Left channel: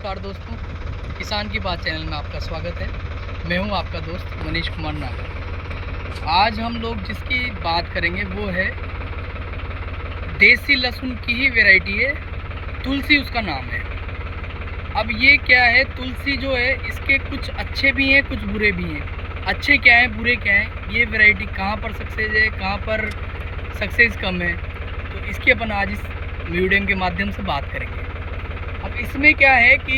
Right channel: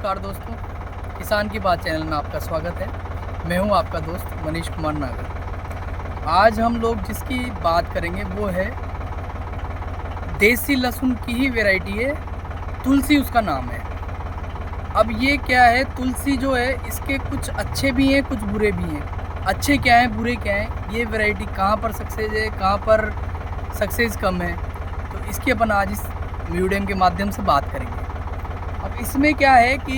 नमस्कार दोस्तों, किसान की बात चैनल में आपका स्वागत है। मैं हूं आपका दोस्त मनीष कुमार नागर। आज हम लोग जिसकी बात करेंगे वो है देसी लहसुन की ही वैरायटी है, तुलसी उसका नाम है। अब ये क्या है, तुलसी जो है इसके कुछ अच्छे भी हैं, कुछ बुरे भी हैं। अच्छे क्या हैं, बुरे क्या हैं, ये वैरायटी कहाँ पर सक्सेस है, कहाँ पर सक्सेस कम है, तो इसकी अपन आज इस वीडियो के माध्यम से बात करेंगे। अब इसमें क्या है कि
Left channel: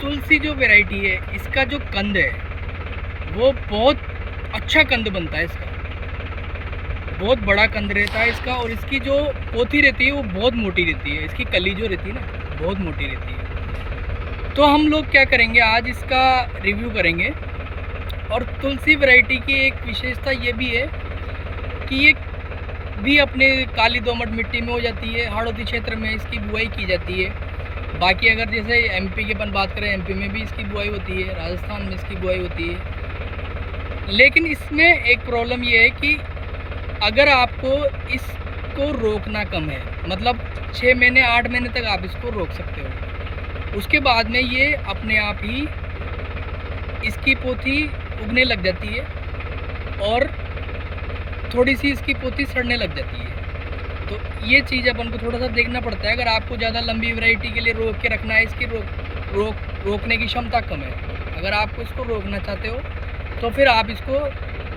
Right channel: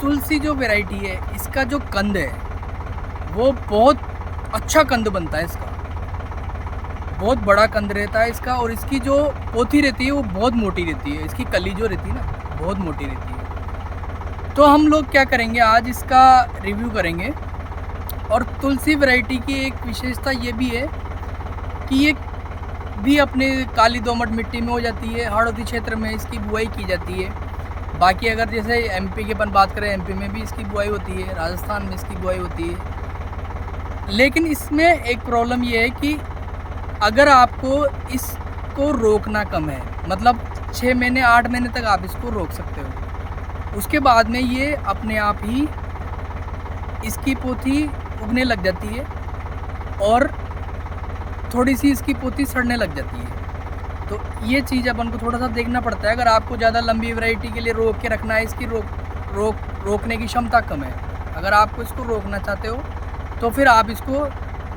तुलसी जो वैरायटी है इसका जो कंद है वो बहुत अच्छा कंद बनता है। इसका बहुत बड़ा कंद रहता है इसका, और इसकी जो पोथी रहती है वो बहुत मोटी रहती है। इसकी कली जो रहती है ना बहुत मोटी रहती है। तो हम लोग क्या करेंगे, आज इसका रिव्यू करेंगे। और तुलसी वैरायटी की एक विशेषता ये भी है कि ये भी अपने काली दोमट मिट्टी में हो जाती है। हाड़ौती क्षेत्र में इसकी बुआई की जाती है। बाकी अगर जैसे एमपी की अपन बात करें, एमपी में भी इसकी बुआई होती है, राजस्थान में इसकी बुआई होती है। लेकिन इसमें एक प्रॉब्लम ये है कि अगर आपको इसको रोकना कम है, मतलब 6 महीने 8 महीने तक आप इसको रोक सकते हो। उसके बाद में ये अपने आप ही इसकी पोथी उगने लग जाती है और थोड़ी सी इसकी पोथी सड़ने लग जाती है। तो ये चीज़ अपन को थोड़ा सा देखना पड़ता है। अगर आपको ज़्यादा लंबी वैरायटी के लिए रोक के रखना है, इसकी रोकने की क्षमता कम है, अगर आपको इसको रोकना चाहते हो तो फिर आप इसको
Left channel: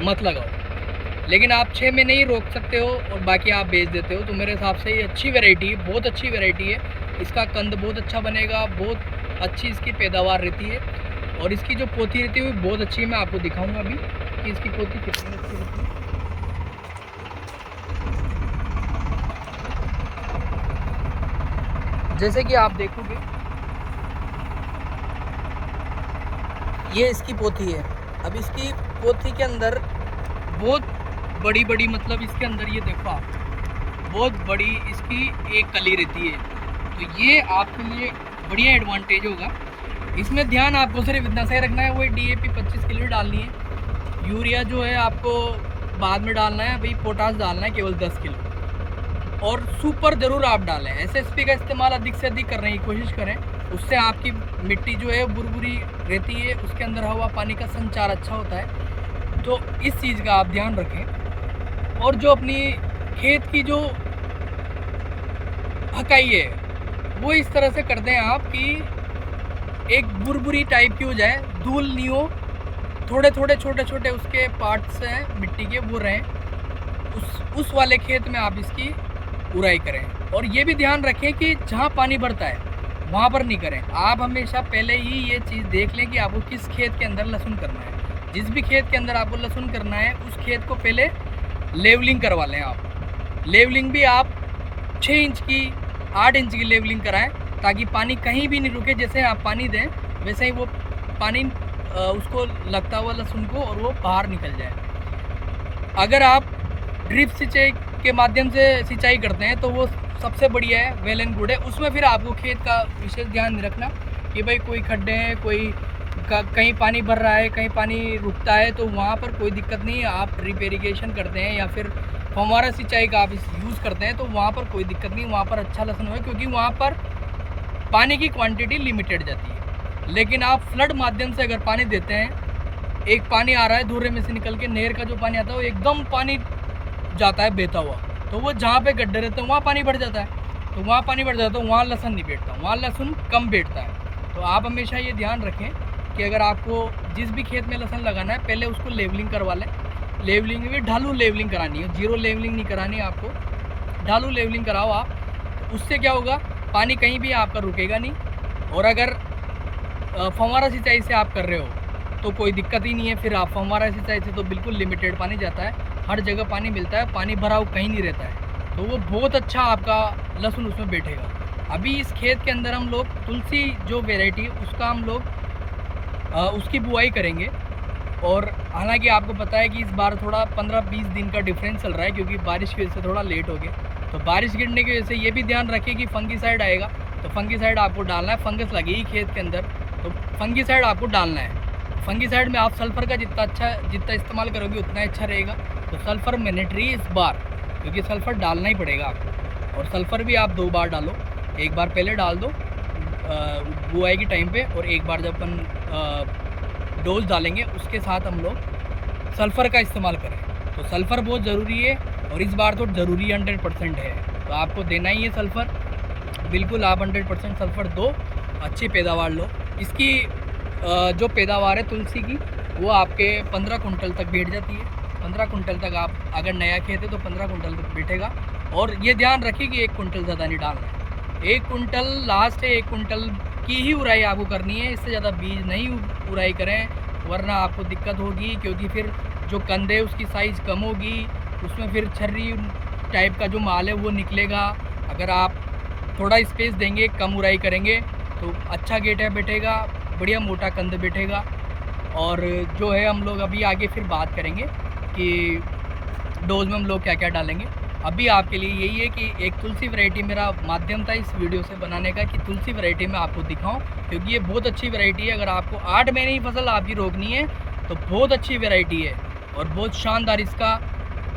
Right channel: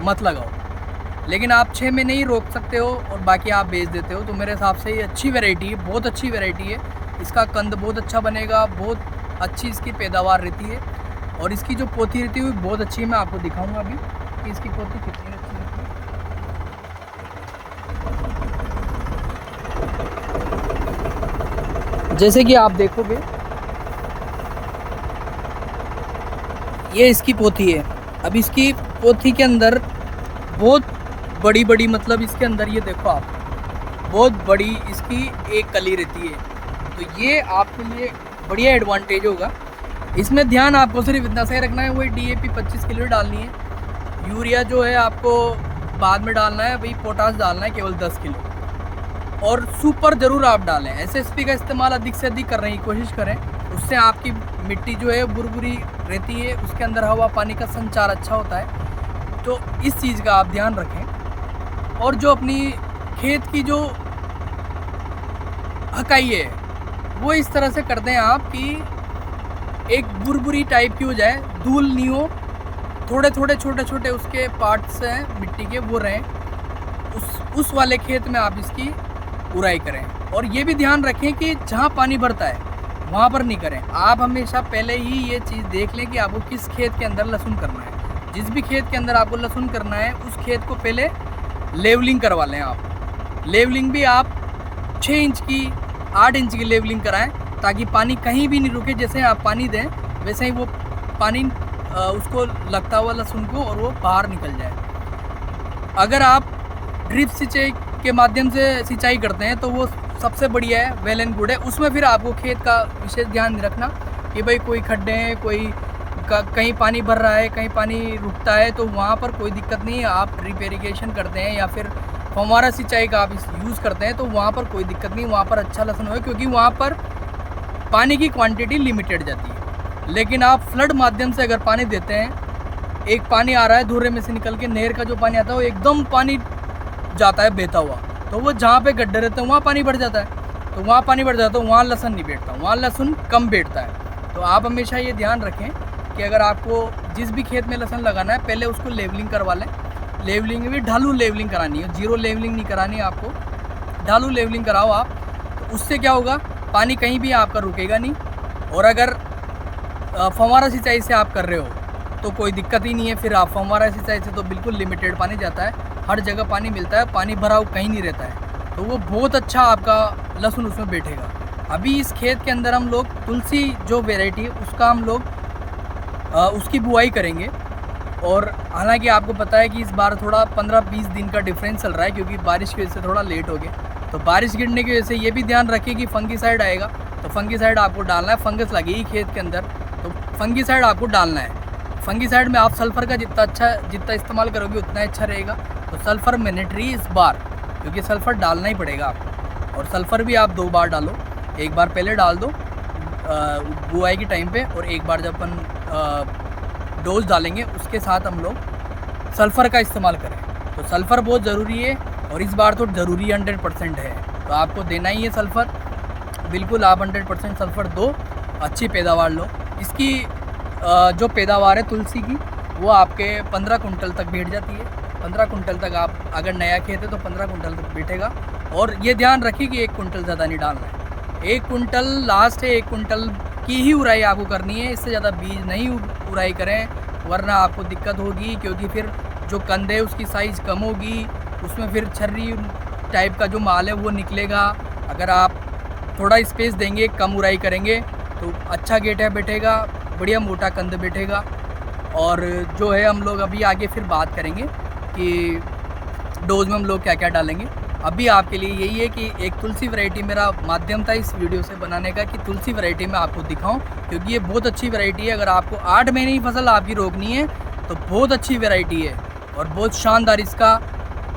मत लगाओ। लेकिन आप 6 में नहीं रोक सकते हो और बाकी आप बेच देते हो, तो मेरे हिसाब से ये अच्छी वैरायटी है, बहुत अच्छी वैरायटी है। इसका कंद बहुत अच्छा बनेगा, बहुत अच्छी इसकी पैदावार रहती है, और इसकी जो पोथी रहती है वो बहुत अच्छी है। मैं आपको दिखाऊँगा अभी कि इसकी पोथी कितनी अच्छी रहती है। जैसे कि आप देखोगे ये इसकी पोथी है। अब इसकी पोथी के अंदर बहुत बड़ी बड़ी, मतलब इसके अंदर ये देखो आप, बहुत बड़ी इसकी एक कली रहती है। तो ये आपके लिए बढ़िया एडवांटेज होगा। इसमें ध्यान आपको सिर्फ इतना सही रखना है, वही डीएपी 25 किलो डालनी है। यूरिया जो है आपको बाद में डालना है, वही पोटास डालना है केवल 10 किलो। और सुपर ज़रूर आप डालें। एसएसपी का इस्तेमाल अधिक से अधिक करने की कोशिश करें, उससे आपकी मिट्टी जो है बुरबुरी रहती है, उसके अंदर हवा पानी का संचार अच्छा होता है। तो इस चीज़ का आप ध्यान रखें। और जो अपनी खेत की जो हकाई है वो इस तरह से कर दें आप कि एक बुरबुरी टाइप की हो जाए, धूल नहीं हो, थोड़े थोड़े छोटे छोटे उसके पार्ट्स हैं मिट्टी के वो रहें। उस वाले खेत में आप इसकी उड़ाई करें। और ये भी ध्यान रखें कि जहाँ पानी भरता है वहाँ पर नहीं करें। आप हमेशा पहले ही ये चीज़ देख लें कि आपको किस खेत के अंदर लहसुन करना है। जिस भी खेत के अंदर आपको लहसुन करना है उस खेत को पहले लेवलिंग करवा लें आप। लेवलिंग भी आप 6 इंच की 8 इंच की लेवलिंग कराएं, ताकि पानी कहीं भी नहीं रुके। जैसे आप पानी दें वैसे ही वो पानी उसको लगता हुआ लहसुन को, और वो बाहर निकल जाए। अगर आप ड्रिप सिंचाई के माध्यम से सिंचाई करते हैं तो वो सबसे बढ़िया है, वेल एंड गुड है। उसमें फिर आपको खेत का विशेष ध्यान रखना कि भाई कोई खड्डे हैं, कोई कहीं पानी भर रहा है, कहीं पानी रुकता है, तो वहाँ पर कोई दिक्कत नहीं है। आप ड्रिप इरिगेशन करते हैं या फिर फव्वारा सिंचाई का आप यूज़ करते हैं तो वहाँ पर कोई दिक्कत नहीं, वहाँ पर अच्छा लहसुन होगा, क्योंकि वहाँ पर पानी की क्वान्टिटी लिमिटेड जाती है। लेकिन आप फ्लड माध्यम से अगर पानी देते हैं, एक पानी आ रहा है धुर्रे में से निकल के, नहर का जो पानी आता है वो एकदम पानी जाता है बहता हुआ, तो वो जहाँ पे गड्ढे रहते हैं वहाँ पानी भर जाता है। तो वहाँ पानी भर जाता है तो वहाँ लहसुन नहीं बैठता, वहाँ लहसुन कम बैठता है। तो आप हमेशा ये ध्यान रखें कि अगर आपको जिस भी खेत में लहसुन लगाना है पहले उसको लेवलिंग करवा लें। लेवलिंग भी ढालू लेवलिंग करानी है, जीरो लेवलिंग नहीं करानी है आपको, ढालू लेवलिंग कराओ आप। तो उससे क्या होगा, पानी कहीं भी आपका रुकेगा नहीं। और अगर फव्वारा सिंचाई से आप कर रहे हो तो कोई दिक्कत ही नहीं है। फिर आप फव्वारा सिंचाई से तो बिल्कुल लिमिटेड पानी जाता है, हर जगह पानी मिलता है, पानी भराव कहीं नहीं रहता है, तो वो बहुत अच्छा आपका लहसुन उसमें बैठेगा। अभी इस खेत के अंदर हम लोग तुलसी जो वैरायटी है उसका हम लोग उसकी बुआई करेंगे। और हालांकि आपको पता है कि इस बार थोड़ा 15-20 दिन का डिफरेंस चल रहा है, क्योंकि बारिश की वजह से थोड़ा लेट हो गया। तो बारिश गिरने की वजह से ये भी ध्यान रखिए कि फंगीसाइड आएगा, तो फंगीसाइड आपको डालना है। फंगस लगेगी खेत के अंदर तो फंगीसाइड आपको डालना है। फंगीसाइड में आप सल्फ़र का जितना इस्तेमाल करोगे उतना अच्छा रहेगा। तो सल्फ़र मैंडेटरी इस बार, क्योंकि सल्फ़र डालना ही पड़ेगा आपको। और सल्फ़र भी आप 2 बार डालो, एक बार पहले डाल दो बुआई के टाइम पे, और एक बार जब अपन डोज डालेंगे उसके साथ हम लोग सल्फ़र का इस्तेमाल करें। तो सल्फ़र बहुत ज़रूरी है, और इस बार तो ज़रूरी 100% है, तो आपको देना ही है सल्फ़र। बिल्कुल आप 100% सल्फ़र दो, अच्छी पैदावार लो। इसकी जो पैदावार है तुलसी की, वो आपके 15 कुंटल तक बैठ जाती है। 15 कुंटल तक आप अगर नया खेत है तो 15 कुंटल तक बैठेगा। और ये ध्यान रखिए कि 1 कुंटल ज़्यादा नहीं डालना है। 1 कुंटल लास्ट है, 1 कुंटल की ही उराई आपको करनी है, इससे ज़्यादा बीज नहीं उराई करें, वरना आपको दिक्कत होगी, क्योंकि फिर जो कंद है उसकी साइज़ कम होगी, उसमें फिर छर्री टाइप का जो माल है वो निकलेगा। अगर आप थोड़ा स्पेस देंगे, कम उराई करेंगे तो अच्छा गेटा बैठेगा, बढ़िया मोटा कंद बैठेगा। और जो है हम लोग अभी आगे फिर बात करेंगे कि डोज में हम लोग क्या क्या डालेंगे। अभी आपके लिए यही है कि एक तुलसी वैरायटी मेरा माध्यम था इस वीडियो से बनाने का, कि तुलसी वैरायटी मैं आपको दिखाऊं, क्योंकि ये बहुत अच्छी वैरायटी है। अगर आपको 8 महीने की फसल आपकी रोकनी है तो बहुत अच्छी वैरायटी है, और बहुत शानदार इसका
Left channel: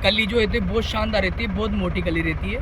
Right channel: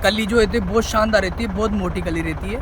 कली जो रहती है बहुत शानदार रहती है, बहुत मोटी कली रहती है।